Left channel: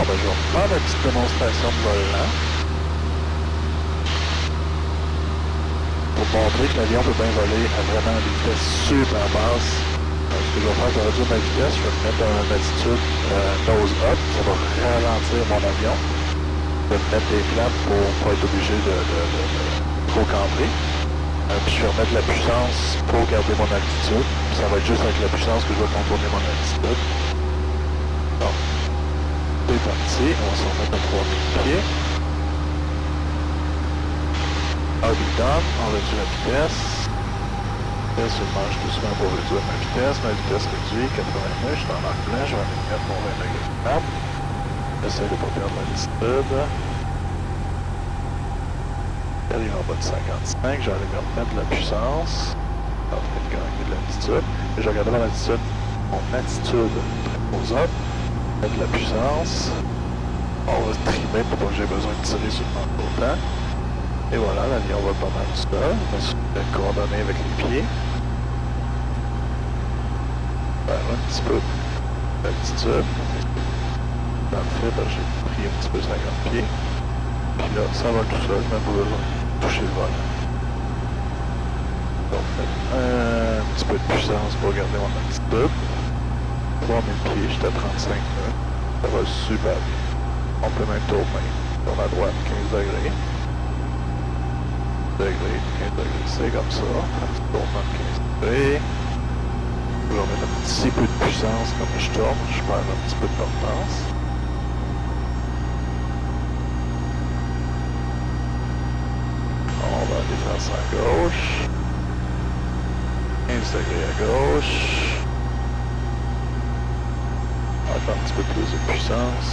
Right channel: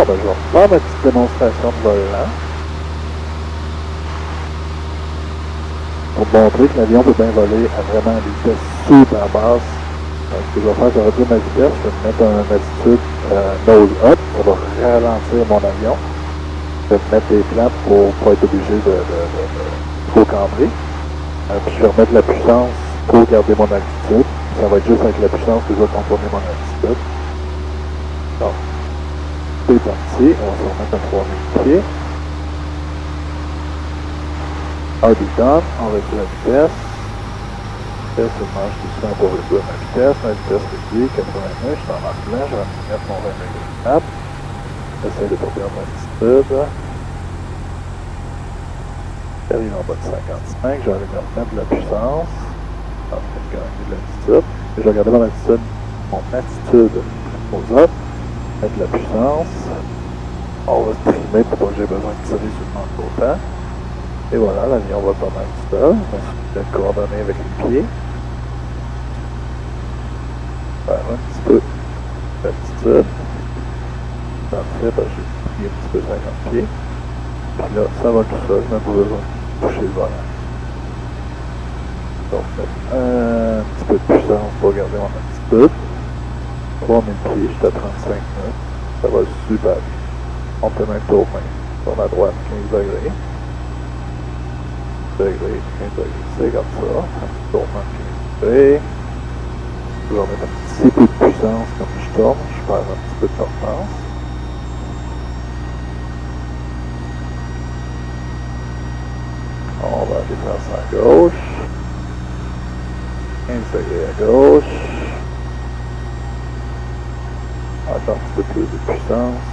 Bon, ben, je vais faire ma petite démonstration de volant. Pour montrer que l'avion peut bien voler à vraiment une vitesse super basse. Donc, ce que je vais faire, je vais réduire ma vitesse, je vais me mettre en attitude nose up, ça va ralentir mon avion. Je vais me mettre des flaps pour ne pas être obligé de trop cambrer. Puis je vais remettre la puissance pour garder mon altitude. Ça va être juste avec la puissance que je vais contourner mon altitude. Donc, c'est parti, on va se remettre à 3000 pieds. RB done, on réduit la vitesse. Je mange tout souvent pour réduire ma vitesse. Ma vitesse réduite, 89, je suis en arc blanc, je vais mettre mon 20 degrés de map. J'essaie de ne pas perdre mon altitude. J'arrive en bas de 55, j'arrive à remettre la puissance. Alors, je vais gagner de l'altitude. Et je vais regarder mon attitude aux autres. Mettre la puissance. On va se trimer pour pas que j'ai besoin de tirer sur le manque d'autant. Et voilà, l'avion va pas mal tout seul. On va se coordonner avec les pieds. Faire un petit peu d'altitude. Parfait, ben j'ai pris un petit peu 50 pieds. Puis là, ça va tout seul, je n'ai pas besoin de toucher le volant. Donc, un petit peu de puissance pour garder mon altitude. 3000 pieds, j'étais à 35 nœuds. Ça va super bien. On peut même tourner sur la droite 15 degrés. 15 degrés, c'est comme ça. Un petit tournement de 15 degrés. Je vais mettre un petit peu de puissance comme je tourne. Je perds un petit peu de portance. On va aller faire ça à gauche. 15 degrés à gauche. Encore un petit peu plus de puissance.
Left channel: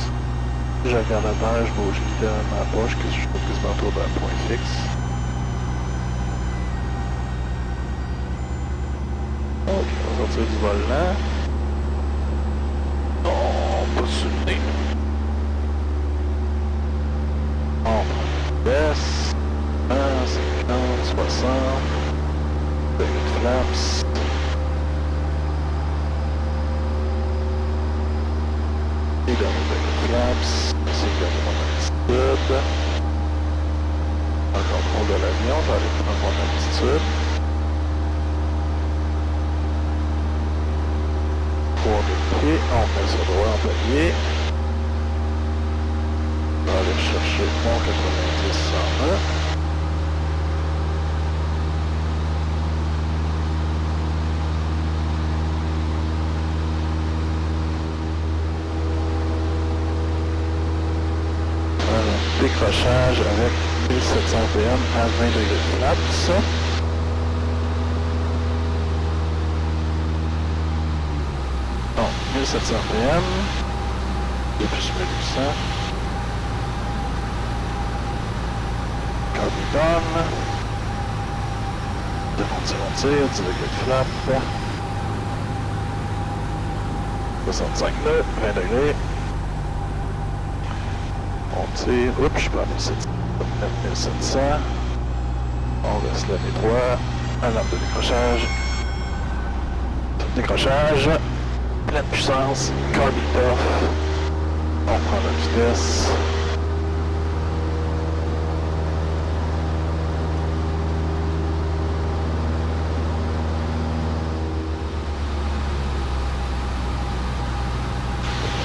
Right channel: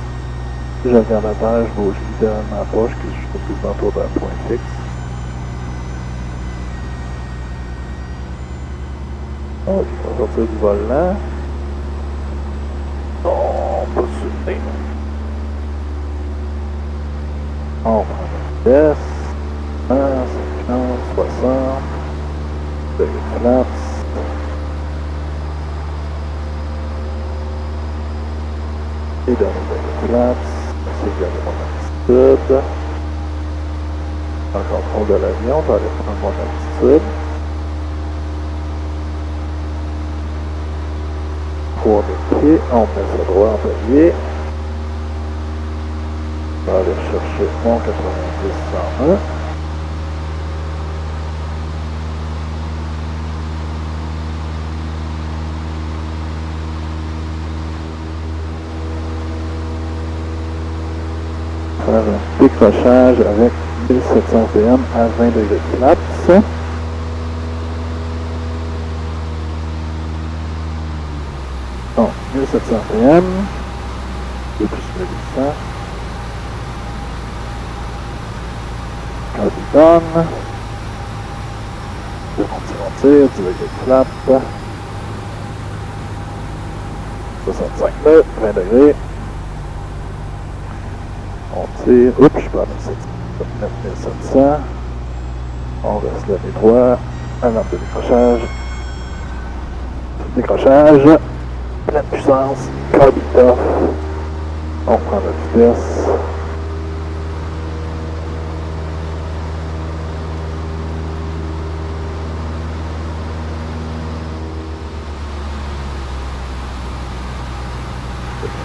Je regarde à terre, je bouge littéralement la poche, que je suis quasiment autour d'un point fixe. Ok, on va sortir du volant. Non, pas sur le nez. On prend la vitesse. 50, 60. Degrés de flaps. Et dans le degrés de flaps, c'est garder mon altitude. En contrôle de l'avion, je vais aller prendre mon altitude. 3000 pieds, on met ça droit en palier. On va aller chercher mon 90-101. Faire un décrochage avec 1700 PM à 20 degrés de flaps. Bon, 1700 PM, et plus 1800. Carbon. On tire, 10 degrés de flap. 65 nœuds, 20 degrés. On tire, oups, je perds 9700. On reste là les droits. Alarme de décrochage. Décrochage. Pleine puissance. Carbon off. On prend la vitesse.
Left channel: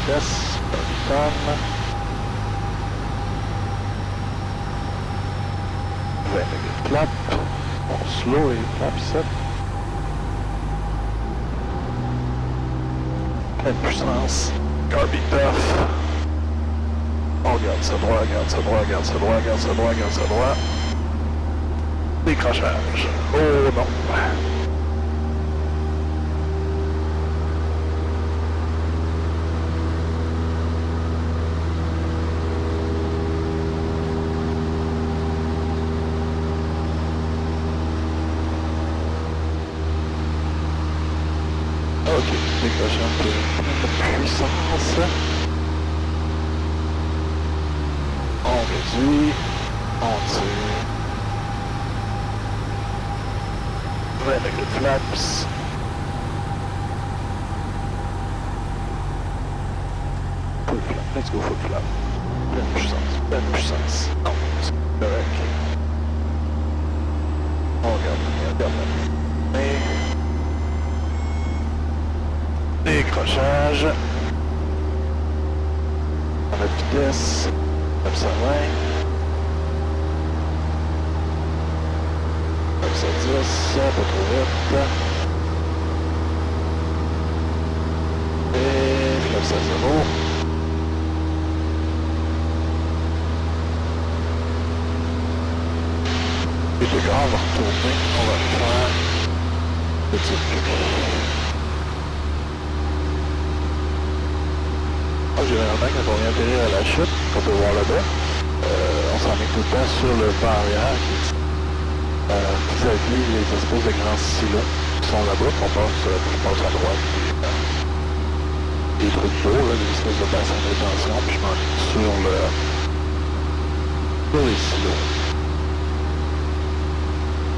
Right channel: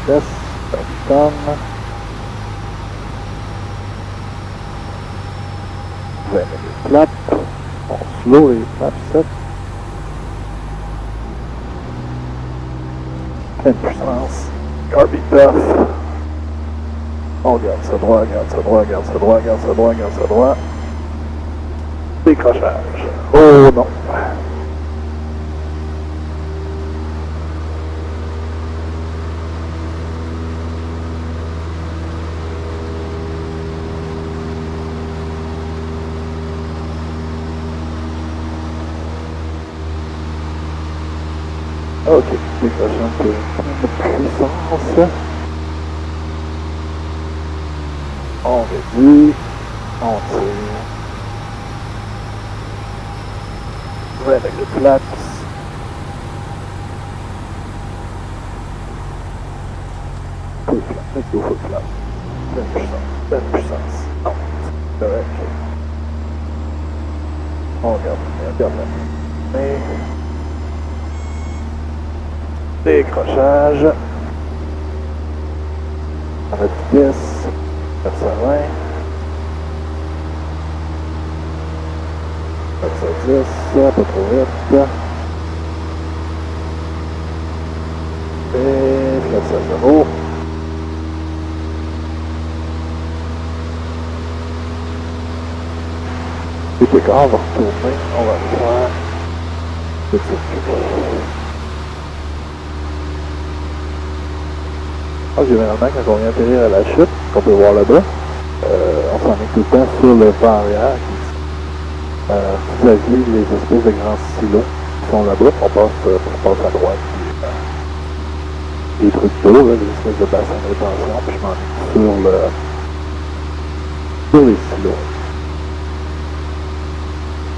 Vitesse. Carbon. 20 degrés de flap. On slow les flaps 7. Pleine puissance. Carbon off. On garde ça droit, garde ça droit, garde ça droit, garde ça droit, garde ça droit. Décrochage. Oh non. Ok, décrocher un peu de puissance. On réduit, on tire. Ouais, avec les flaps. Peu de flaps. Let's go full flap. Pleine puissance, pleine puissance. Non, c'est correct. On regarde la main. Décrochage. On a de vitesse. 920. 910. Pas trop vite. Et 900. Et puis quand on va retourner, on va faire le circuit. Généralement, quand on vient atterrir à la chute, qu'on peut voir là-bas, on s'en met tout le temps sur le pas arrière vis-à-vis les espèces de grands silos qui sont là-bas. On passe à droite. Les trucs d'eau, les espèces de bassins de rétention, puis je m'en mets sur les silos.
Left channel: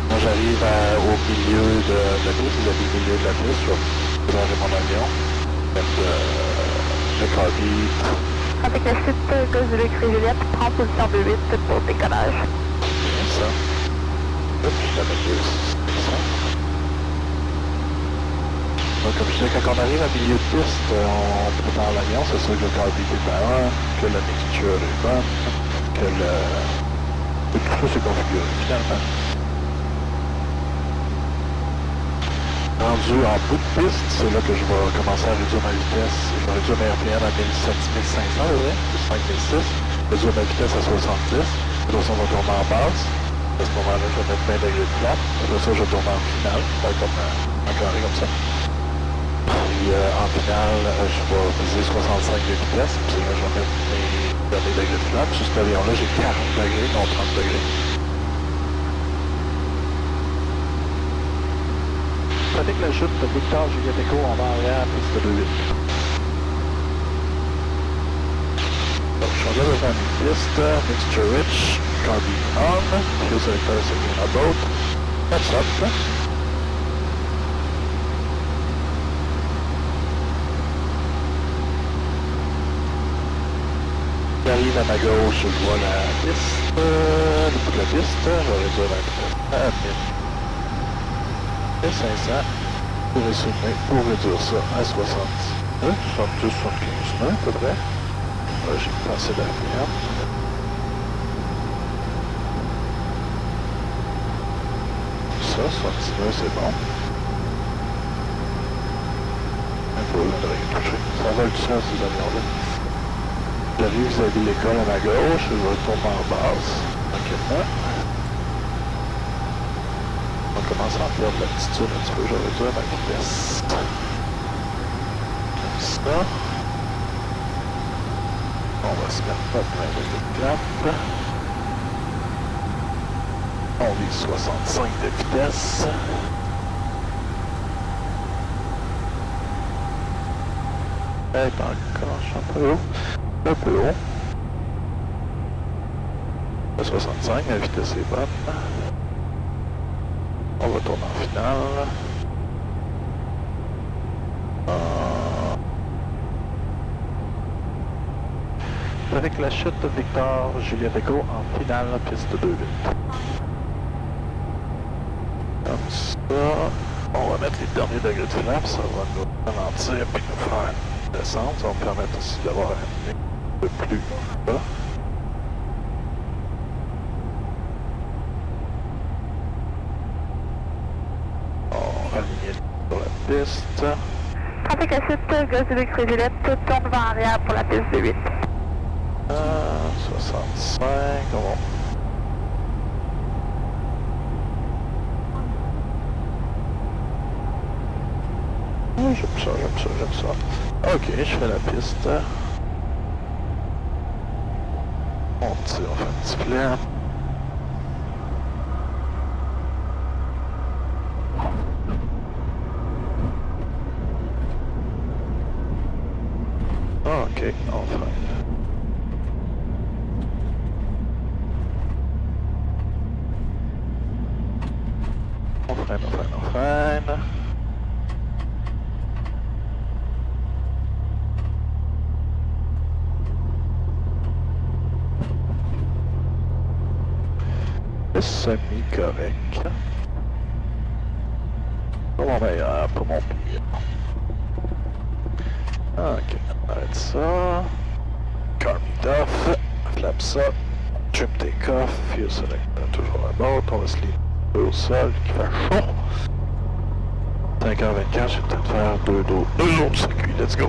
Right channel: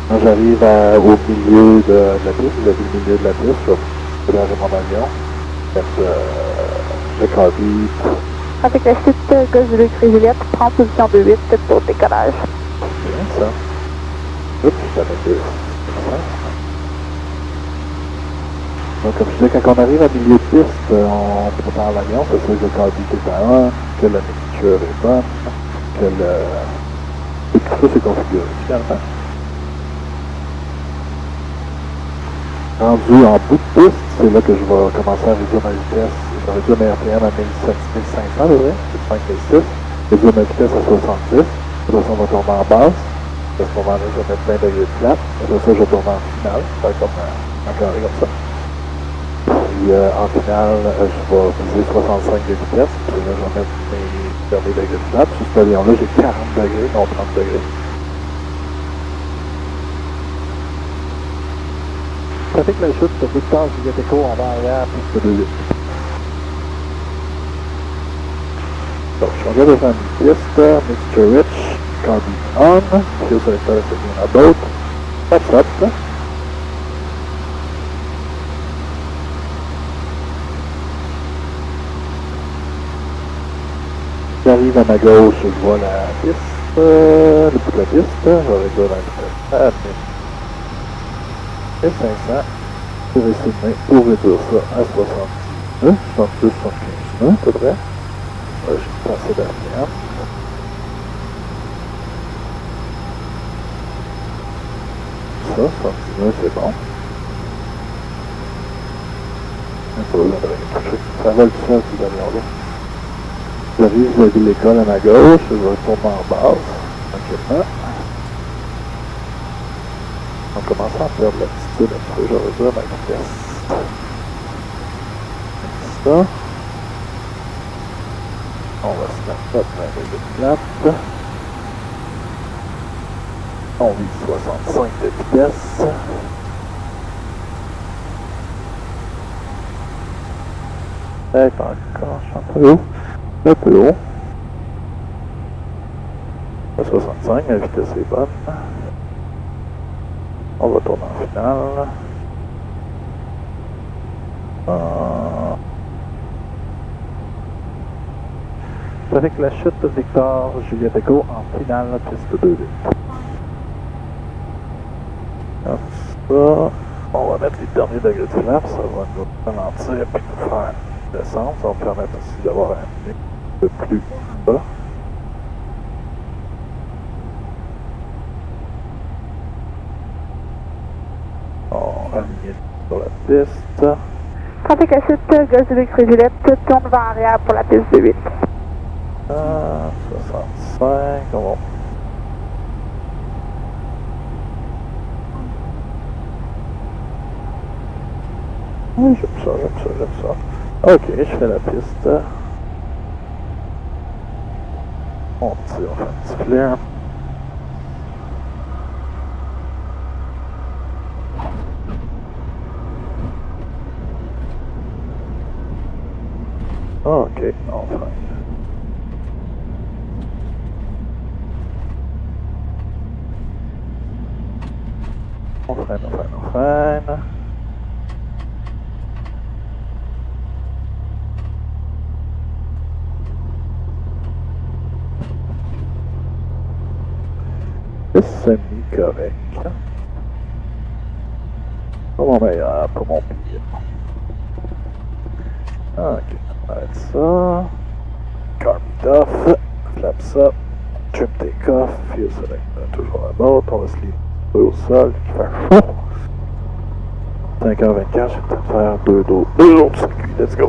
Quand j'arrive au milieu de la piste, au milieu de la piste, je vais démarrer mon avion. Je carbide. Avec la chute Gauze Juliette, prends position 2-8 pour décollage. Bien ça. Oups, je l'avais deux. Donc, comme je disais, quand on arrive à milieu de piste, on prépare l'avion, c'est sûr que le carbide est à 1, que la mixture est bonne, que tout ça c'est configuré finalement. Rendu en bout de piste, c'est là que je vais commencer à réduire ma vitesse. Je vais réduire mes RPM à 7500 à peu près, 5006. Réduire ma vitesse à 70. Après ça, on va tourner en base. À ce moment-là, je vais mettre 20 degrés de flat. Après ça, je vais tourner en finale. Ça va être comme un carré comme ça. Puis en finale, je vais viser 65 de vitesse. Puis là, je vais mettre mes derniers degrés de flat. Sur cet avion-là, j'ai 40 degrés, non 30 degrés. Trafic la chute de Victor Juliette Echo en bas arrière, piste 2-8. Donc, je regarde devant une piste, mixture rich, carbine on, fuel selector setting on boat, that's up. J'arrive à ma gauche, je vois la piste, le bout de la piste, je vais réduire la vitesse à 1000. Et 500 pour réduire ça à 70. 72, 75, à peu près. J'ai passé derrière. Ça, 79, c'est bon. Il faut le toucher. Ça vole tout seul, ces avions-là. J'arrive vis-à-vis de l'école à ma gauche, je vais retourner en basse, tranquillement. On va commencer à perdre l'altitude un petit peu, je vais réduire ma vitesse. Comme ça. On va se mettre notre de clap. On vise 65 de vitesse. Et pas encore, je suis un peu haut. Un peu haut. À 65, la vitesse est bonne. On va tourner en finale. Avec la chute de Victor Juliette Echo en finale, piste 2-8. Comme ça, on va mettre les derniers degrés de flap, ça va nous ralentir et nous faire une descente. Ça va me permettre aussi d'avoir un nez de plus bas. On va aligner sur la piste. Avec la chute Gauze Juliette, tourne vers arrière pour la piste 8. 65, on va... Oui, j'aime ça, j'aime ça, j'aime ça. Ok, je fais la piste. On tire, on fait un petit plan. Ok, on freine. On freine, on freine, on freine. C'est semi-correct. Pas mon meilleur, pas mon pire. Ok, arrête ça. Car meet off. Flappe ça. Trim take off. Fuel select. Toujours à bord. On va se livrer au sol qui fait chaud. 5h24, je vais peut-être faire deux autres circuits. Let's go!